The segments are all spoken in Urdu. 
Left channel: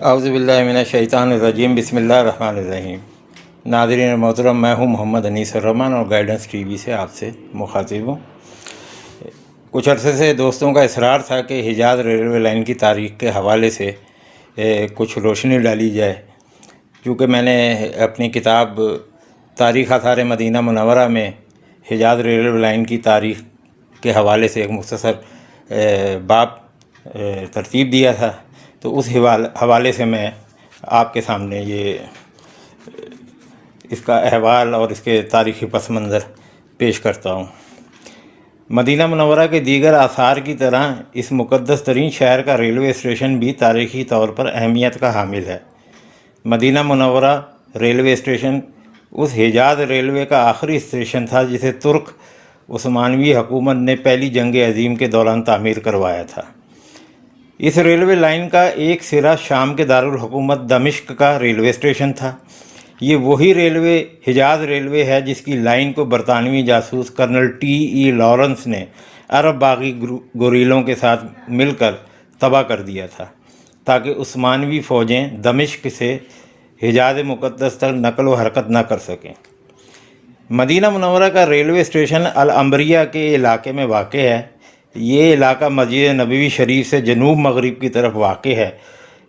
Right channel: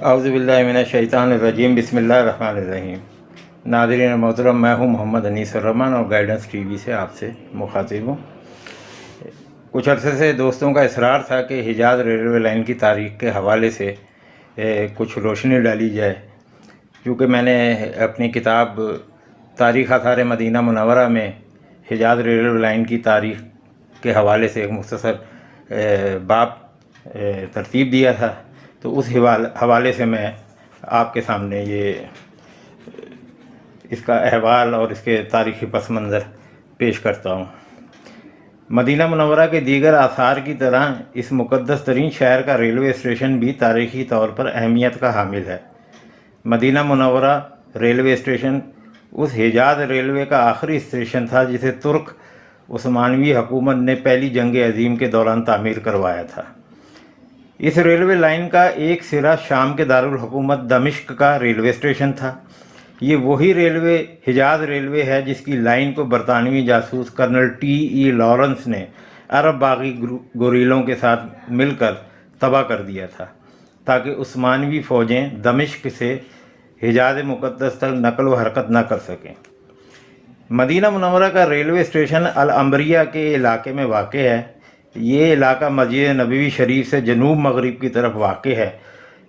اعوذ باللہ من الشیطان الرجیم، بسم اللہ الرحمن الرحیم۔ ناظرین محترم، میں ہوں محمد انیس الرحمن اور گائیڈنس ٹی وی سے آپ سے مخاطب ہوں۔ کچھ عرصے سے دوستوں کا اصرار تھا کہ حجاز ریلوے لائن کی تاریخ کے حوالے سے کچھ روشنی ڈالی جائے، کیونکہ میں نے اپنی کتاب تاریخ آثار مدینہ منورہ میں حجاز ریلوے لائن کی تاریخ کے حوالے سے ایک مختصر باب ترتیب دیا تھا، تو اس حوالے سے میں آپ کے سامنے اس کا احوال اور اس کے تاریخی پس منظر پیش کرتا ہوں۔ مدینہ منورہ کے دیگر آثار کی طرح اس مقدس ترین شہر کا ریلوے اسٹیشن بھی تاریخی طور پر اہمیت کا حامل ہے۔ مدینہ منورہ ریلوے اسٹیشن اس حجاز ریلوے کا آخری اسٹیشن تھا جسے ترک عثمانوی حکومت نے پہلی جنگ عظیم کے دوران تعمیر کروایا تھا۔ اس ریلوے لائن کا ایک سرا شام کے دارالحکومت دمشق کا ریلوے اسٹیشن تھا۔ یہ وہی حجاز ریلوے ہے جس کی لائن کو برطانوی جاسوس کرنل ٹی لارنس نے عرب باغی گوریلوں کے ساتھ مل کر تباہ کر دیا تھا، تاکہ عثمانوی فوجیں دمشق سے حجاز مقدس تک نقل و حرکت نہ کر سکیں۔ مدینہ منورہ کا ریلوے اسٹیشن العنبریہ کے علاقے میں واقع ہے۔ یہ علاقہ مسجد نبوی شریف سے جنوب مغرب کی طرف واقع ہے۔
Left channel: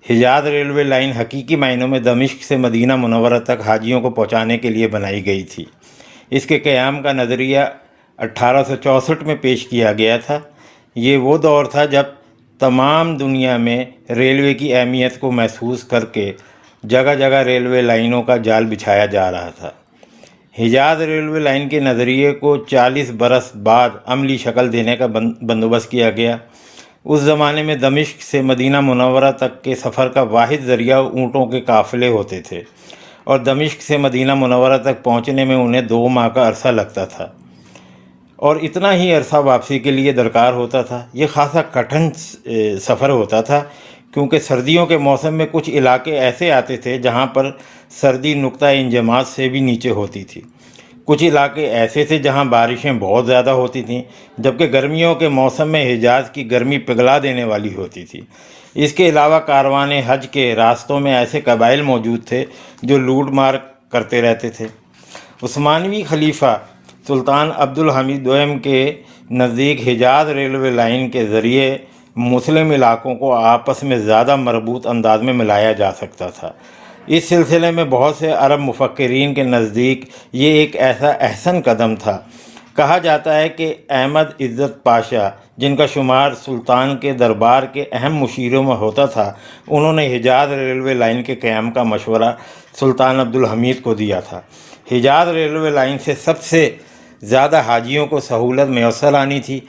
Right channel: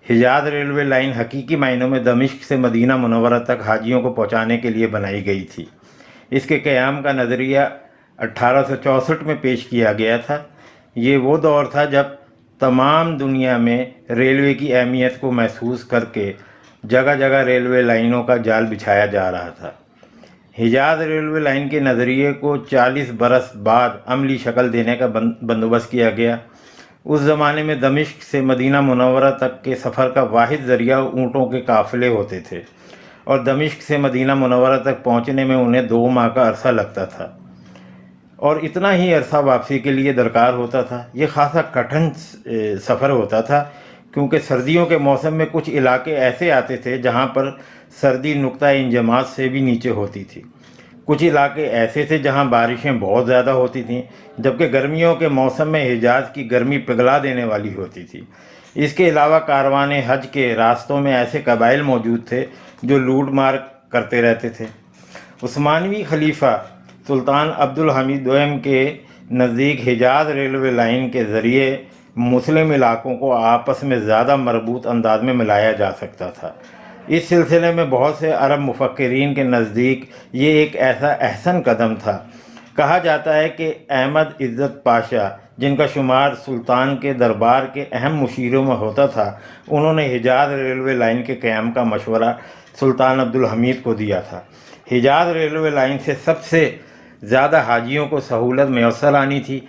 حجاز ریلوے لائن حقیقی معنوں میں دمشق سے مدینہ منورہ تک حاجیوں کو پہنچانے کے لیے بنائی گئی تھی۔ اس کے قیام کا نظریہ 1864 میں پیش کیا گیا تھا۔ یہ وہ دور تھا جب تمام دنیا میں ریلوے کی اہمیت کو محسوس کر کے جگہ جگہ ریلوے لائنوں کا جال بچھایا جا رہا تھا۔ حجاز ریلوے لائن کے نظریے کو 40 برس بعد عملی شکل دینے کا بندوبست کیا گیا۔ اس زمانے میں دمشق سے مدینہ منورہ تک کے سفر کا واحد ذریعہ اونٹوں کے قافلے ہوتے تھے، اور دمشق سے مدینہ منورہ تک پہنچنے میں انہیں 2 ماہ کا عرصہ لگتا تھا، اور اتنا ہی عرصہ واپسی کے لیے درکار ہوتا تھا۔ یہ خاصا کٹھن سفر ہوتا تھا، کیونکہ سردیوں کے موسم میں کچھ علاقے ایسے آتے تھے جہاں پر سردی نقطہ انجماد سے بھی نیچے ہوتی تھی۔ کچھ علاقے ایسے تھے جہاں بارشیں بہت زیادہ ہوتی تھیں، جبکہ گرمیوں کے موسم میں حجاز کی گرمی پگھلا دینے والی ہوتی تھی۔ اس کے علاوہ کاروان حج کے راستوں میں ایسے قبائل موجود تھے جو لوٹ مار کرتے رہتے تھے۔ عثمانوی خلیفہ سلطان عبدالحمید دوئم کے نزدیک حجاز ریلوے لائن کے ذریعے مسلم علاقوں کو آپس میں زیادہ مربوط انداز میں ملایا جا سکتا تھا۔ اس سلسلے میں بہت سے عرب مفکرین کے نزدیک یہ ایک ایسا احسن قدم تھا۔ کہا جاتا ہے کہ احمد عزت پاشا، جن کا شمار سلطان کے دربار کے اہم مشیروں میں ہوتا تھا، انہوں نے حجاز ریلوے لائن کے قیام کا مشورہ سلطان عبدالحمید کو دیا تھا۔ حجاز ریلوے لائن سے سب سے زیادہ حاجیوں کو سہولت میسر آنی تھی،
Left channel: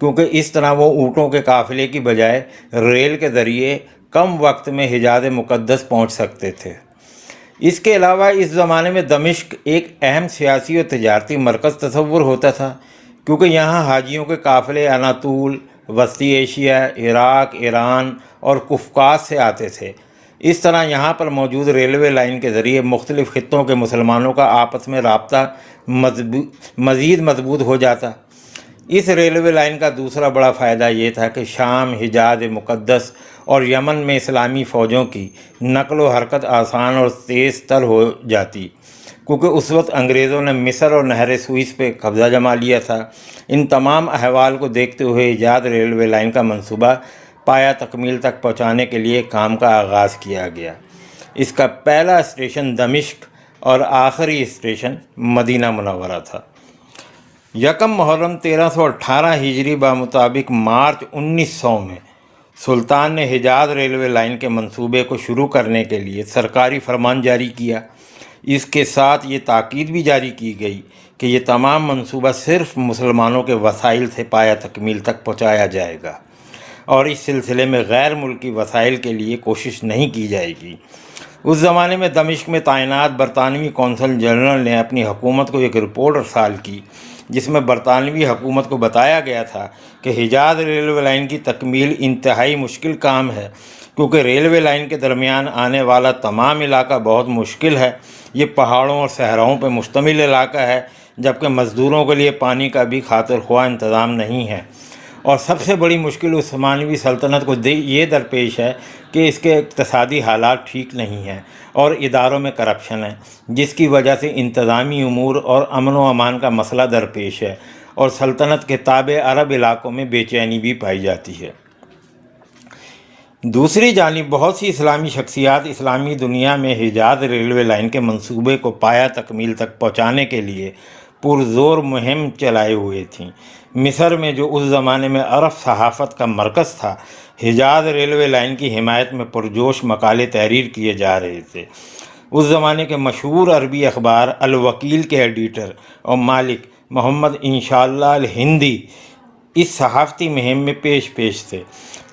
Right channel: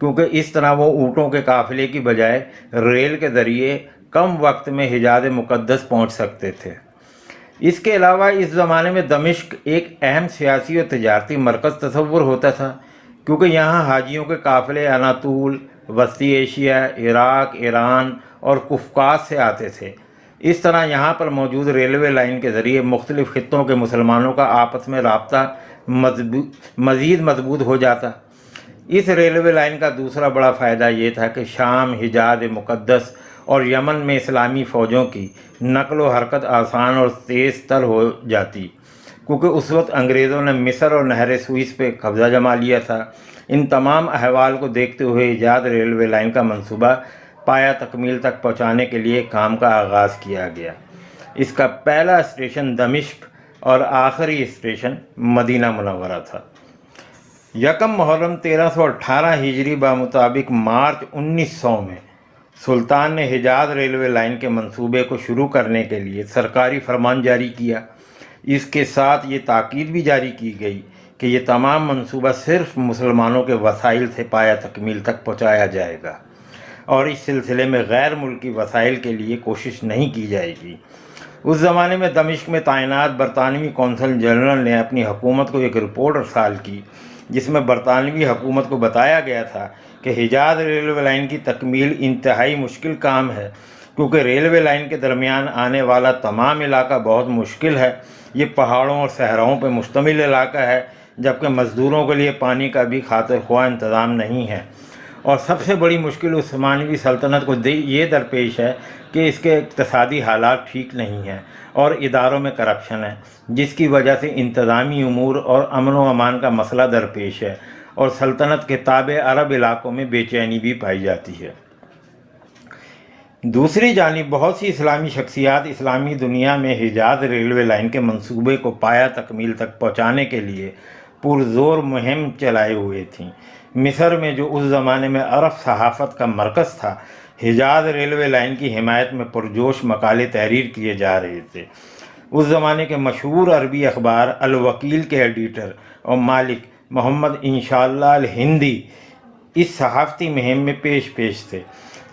کیونکہ اس طرح وہ اونٹوں کے قافلے کی بجائے ریل کے ذریعے کم وقت میں حجاز مقدس پہنچ سکتے تھے۔ اس کے علاوہ اس زمانے میں دمشق ایک اہم سیاسی اور تجارتی مرکز تصور ہوتا تھا، کیونکہ یہاں حاجیوں کے قافلے اناطول، وسطی ایشیا، عراق، ایران اور قفقاز سے آتے تھے۔ اس طرح یہاں پر موجود ریلوے لائن کے ذریعے مختلف خطوں کے مسلمانوں کا آپس میں رابطہ مزید مضبوط ہو جاتا۔ اس ریلوے لائن کا دوسرا بڑا فائدہ یہ تھا کہ شام، حجاز مقدس اور یمن میں اسلامی فوجوں کی نقل و حرکت آسان اور تیز تر ہو جاتی، کیونکہ اس وقت انگریزوں نے مصر اور نہر سوئس پہ قبضہ جما لیا تھا۔ ان تمام احوال کو دیکھتے ہوئے حجاز ریلوے لائن کا منصوبہ پایہ تکمیل تک پہنچانے کے لیے کام کا آغاز کیا گیا۔ اس کا پہلا اسٹیشن دمشق اور آخری اسٹیشن مدینہ منورہ تھا۔ یکم محرم 1318 ہجری بمطابق مارچ 1900 میں سلطان نے حجاز ریلوے لائن کے منصوبے کو شروع کرنے کے لیے سرکاری فرمان جاری کیا۔ اس کے ساتھ یہ تاکید بھی جاری کی گئی کہ یہ تمام منصوبہ صرف مسلمانوں کے وسائل سے پایہ تکمیل تک پہنچایا جائے گا، اور اس سلسلے میں غیر ملکی وسائل کے لیے کوشش نہیں کی جائے گی۔ اس زمانے میں دمشق میں تعینات برطانوی کونسل جنرل نے اپنی حکومت کو ایک رپورٹ ارسال کی، جس میں برطانوی حکومت کو بتایا گیا تھا کہ حجاز ریلوے لائن کی تکمیل انتہائی مشکل کام ہے، کیونکہ ریلوے لائن کے درمیان آنے والا تمام علاقہ بہت مشکل ہے۔ یہ پہاڑوں اور صحراؤں پر مشتمل علاقہ ہے، جبکہ مزدوروں کے لیے پانی کا بھی خاطر خواہ انتظام نہیں ہے۔ اور سب سے بڑی مشکل عثمانوی سلطنت کو یہ درپیش ہے کہ اس کے اقتصادی حالات ٹھیک نہیں ہیں اور اداروں میں کرپشن ہے، جس کی وجہ سے انتظامی امور اور امن و امان کا مسئلہ درپیش ہے، اور سلطنت کے تابع عرب علاقوں میں بے چینی بھی پائی جاتی ہے۔ دوسری جانب بہت سی اسلامی شخصیات اسلامی دنیا میں حجاز ریلوے لائن کے منصوبے کو پایہ تکمیل تک پہنچانے کے لیے پرزور مہم چلائے ہوئے تھیں۔ مصر میں، جو اس زمانے میں عرب صحافت کا مرکز تھا، حجاز ریلوے لائن کی حمایت میں پرجوش مقالے تحریر کیے جا رہے تھے۔ اس زمانے کے مشہور عربی اخبار الوکیل کے ایڈیٹر اور مالک محمد انشاءاللہ الہندی اس صحافتی مہم میں پیش تھے۔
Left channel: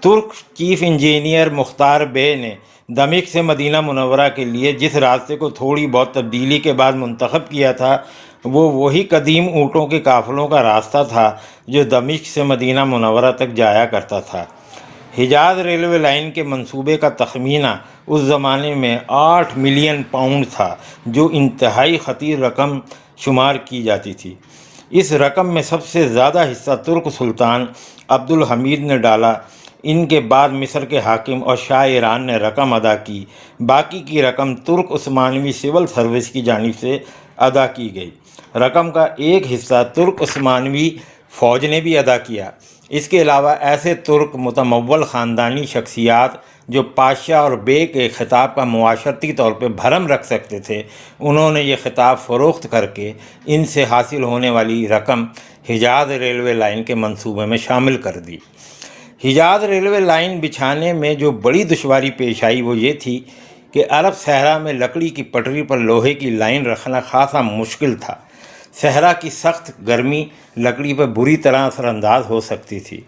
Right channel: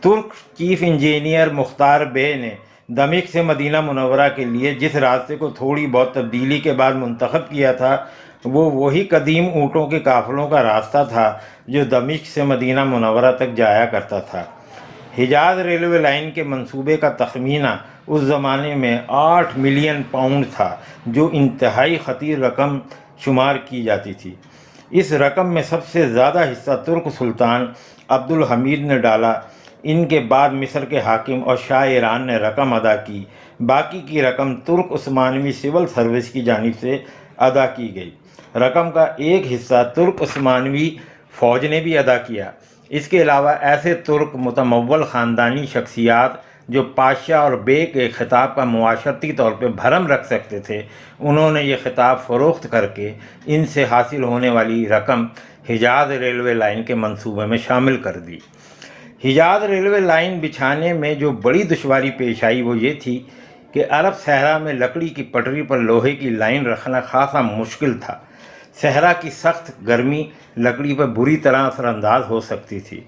ترک چیف انجینئر مختار بے نے دمشق سے مدینہ منورہ کے لیے جس راستے کو تھوڑی بہت تبدیلی کے بعد منتخب کیا تھا، وہ وہی قدیم اونٹوں کے قافلوں کا راستہ تھا جو دمشق سے مدینہ منورہ تک جایا کرتا تھا۔ حجاز ریلوے لائن کے منصوبے کا تخمینہ اس زمانے میں 8 ملین پاؤنڈ تھا، جو انتہائی خطیر رقم شمار کی جاتی تھی۔ اس رقم میں سب سے زیادہ حصہ ترک سلطان عبد الحمید نے ڈالا۔ ان کے بعد مصر کے حاکم اور شاہ ایران نے رقم ادا کی۔ باقی کی رقم ترک عثمانوی سول سروس کی جانب سے ادا کی گئی۔ رقم کا ایک حصہ ترک عثمانوی فوج نے بھی ادا کیا۔ اس کے علاوہ ایسے ترک متمول خاندانی شخصیات جو پادشاہ اور بے کے خطاب کا معاشرتی طور پہ بھرم رکھ سکتے تھے، انہوں نے یہ خطاب فروخت کر کے ان سے حاصل ہونے والی رقم حجاز ریلوے لائن کے منصوبے میں شامل کر دی۔ حجاز ریلوے لائن بچھانے میں جو بڑی دشواری پیش آئی وہ یہ تھی کہ عرب صحرا میں لکڑی کی پٹری پر لوہے کی لائن رکھنا خاصا مشکل تھا۔ صحرا کی سخت گرمی لکڑی پر بری طرح اثر انداز ہو سکتی تھی۔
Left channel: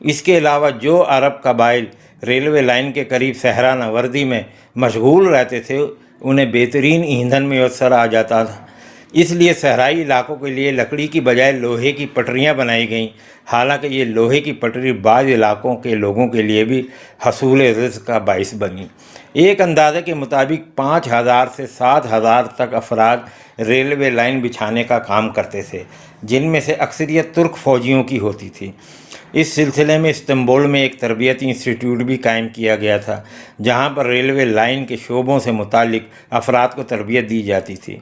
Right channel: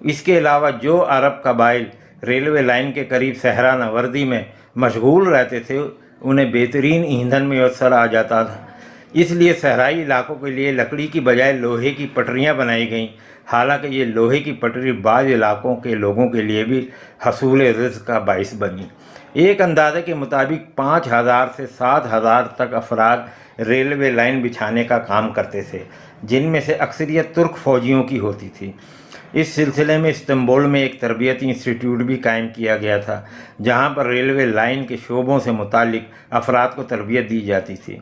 اس کے علاوہ جو عرب قبائل ریلوے لائن کے قریب صحرا نوردی میں مشغول رہتے تھے، انہیں بہترین ایندھن میسر آ جاتا تھا۔ اس لیے صحرائی علاقوں کے لیے لکڑی کی بجائے لوہے کی پٹریاں بنائی گئیں، حالانکہ یہ لوہے کی پٹری بعض علاقوں کے لوگوں کے لیے بھی حصول رزق کا باعث بنی۔ ایک اندازے کے مطابق 5000 سے 7000 تک افراد ریلوے لائن بچھانے کا کام کرتے تھے، جن میں سے اکثریت ترک فوجیوں کی ہوتی تھی۔ اس سلسلے میں استنبول میں ایک تربیتی انسٹیٹیوٹ بھی قائم کیا گیا تھا، جہاں پر ریلوے لائن کے شعبوں سے متعلق افراد کو تربیت دی جاتی تھی۔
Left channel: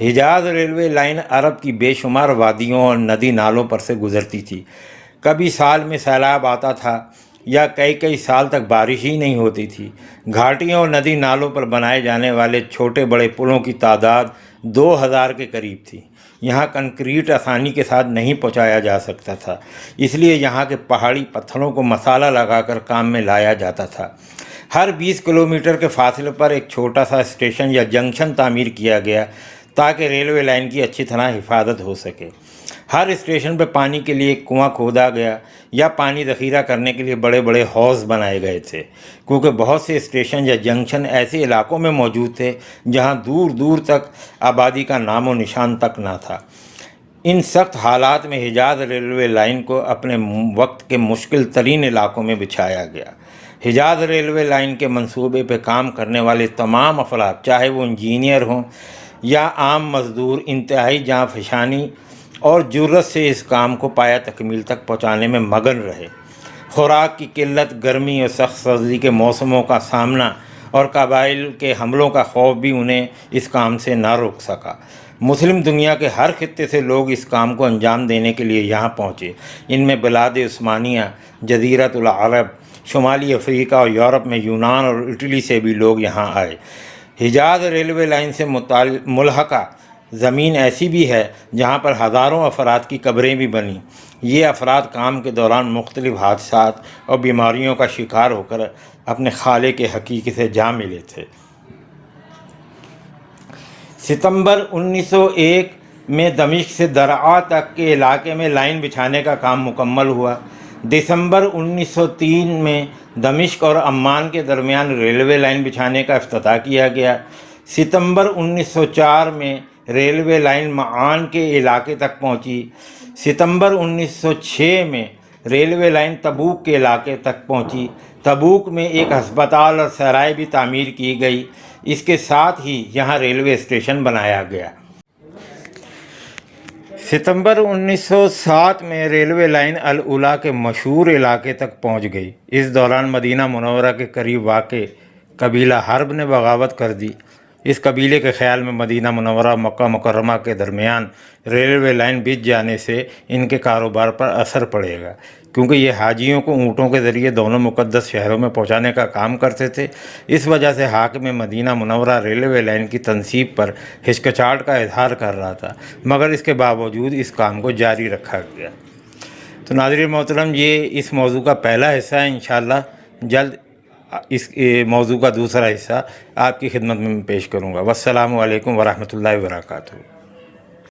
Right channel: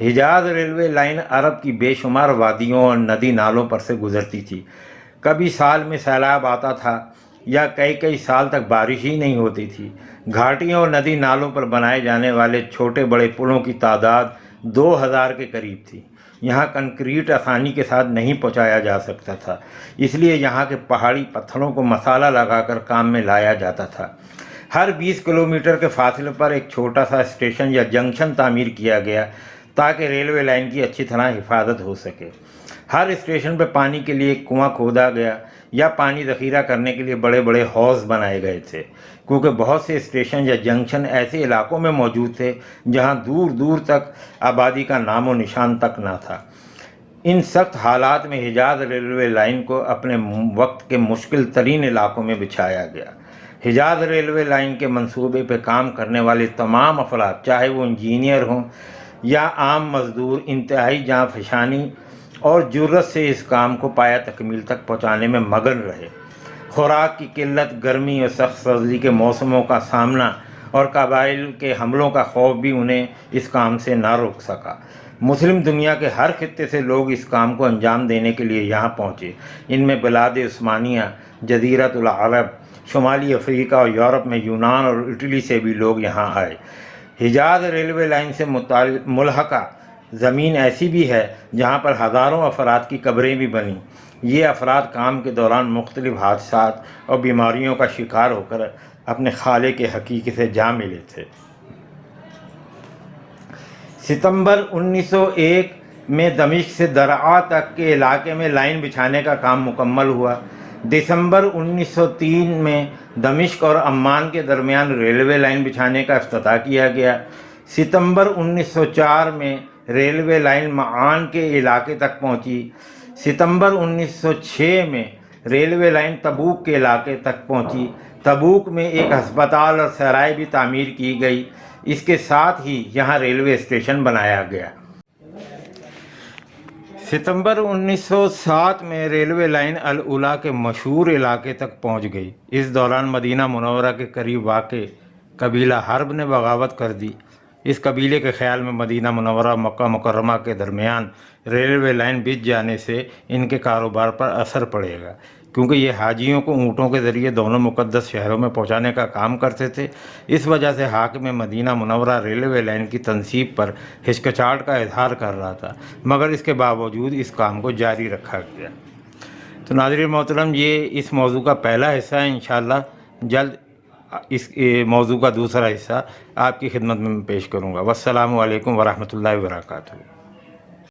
حجاز ریلوے لائن عرب کی بے شمار وادیوں اور ندی نالوں پر سے گزرتی تھی۔ کبھی سال میں سیلاب آتا تھا یا کئی سال تک بارش ہی نہیں ہوتی تھی۔ گھاٹیوں اور ندی نالوں پر بنائے جانے والے چھوٹے بڑے پلوں کی تعداد 2000 کے قریب تھی۔ یہاں کنکریٹ آسانی کے ساتھ نہیں پہنچایا جا سکتا تھا، اس لیے یہاں کے پہاڑی پتھروں کو مسالہ لگا کر کام میں لایا جاتا تھا۔ ہر 20 کلومیٹر کے فاصلے پر ایک چھوٹا سا اسٹیشن یا جنکشن تعمیر کیا گیا تاکہ ریلوے لائن کی اچھی طرح حفاظت ہو سکے۔ ہر اسٹیشن پہ پانی کے لیے ایک کنواں کھودا گیا یا پانی ذخیرہ کرنے کے لیے بڑے بڑے حوض بنائے گئے تھے، کیونکہ بہت سے اسٹیشن یا جنکشن ایسے علاقوں میں موجود تھے جہاں دور دور تک آبادی کا نام و نشان تک نہ تھا۔ ان سخت حالات میں حجاز ریلوے لائن کو اپنے وقت کے مشکل ترین علاقوں میں بچھایا گیا۔ حجاز ریلوے لائن کے منصوبے پہ کام کرنے والے تمام افراد، چاہے وہ انجینئر ہوں یا عام مزدور، انتہائی جاں فشانی اور جرت سے اس کام کو پایہ تکمیل تک پہنچانے میں مگن رہے۔ خوراک کی قلت، گرمی اور سخت سردی کے موسموں کا سامنا اور قبائل کے حملوں کا خوف بھی انہیں اس کام سے نہ روک سکا۔ مسلم دنیا کے ہر خطے سے لوگ اس کام کو انجام دینے کے لیے یہاں پہنچے۔ ان میں بلاد عثمانیہ، جزیرۃ العرب، شمالی افریقہ اور یورپ میں یونان اور اٹلی سے بھی لوگ یہاں آئے۔ حجاز ریلوے لائن سے ملحقہ زمین ایسی بھی ہے جہاں پر ہزاروں افراد کی قبریں بھی بنیں۔ یہ افراد کام کے دوران مختلف حادثات اور بیماریوں کا شکار ہو کر اپنے خالق حقیقی سے جا ملے تھے۔ ستمبر 1901 میں دمشق سے درعا تک کے علاقے میں لائن بچھانے کا کام مکمل ہوا۔ دسمبر 1903 میں دمشق اور عمان کے درمیان ریلوے لائن بچھانے کا افتتاح کیا گیا۔ ستمبر 1904 میں ریلوے لائن معان کے علاقے تک پہنچی۔ ستمبر 1906 میں ریلوے لائن تبوک کے علاقے تک پہنچی۔ تبوک میں ایک ہسپتال اور سرائے بھی تعمیر کی گئی۔ اس کے ساتھ ہی یہاں ریلوے اسٹیشن بنایا گیا۔ ستمبر 1907 میں ریلوے لائن الاولیٰ کے مشہور علاقے تک پہنچ گئی۔ اس دوران مدینہ منورہ کے قریب واقع قبیلہ حرب نے بغاوت کر دی۔ اس قبیلے کے خیال میں مدینہ منورہ مکہ مکرمہ کے درمیان ریلوے لائن بچ جانے سے ان کے کاروبار پر اثر پڑے گا، کیونکہ یہ حاجیوں کو اونٹوں کے ذریعے دونوں مقدس شہروں میں پہنچانے کا کام کرتے تھے۔ اس وجہ سے حاکم مدینہ منورہ ریلوے لائن کی تنصیب پر ہچکچاہٹ کا اظہار کر رہا تھا، مگر اس کے باوجود اس کام کو جاری رکھا گیا۔ تو ناظرین محترم، یہ اس موضوع کا پہلا حصہ ہے۔ انشاءاللہ جلد اس موضوع کا دوسرا حصہ آپ کی خدمت میں پیش کروں گا۔ والسلام علیکم ورحمۃ اللہ وبرکاتہ۔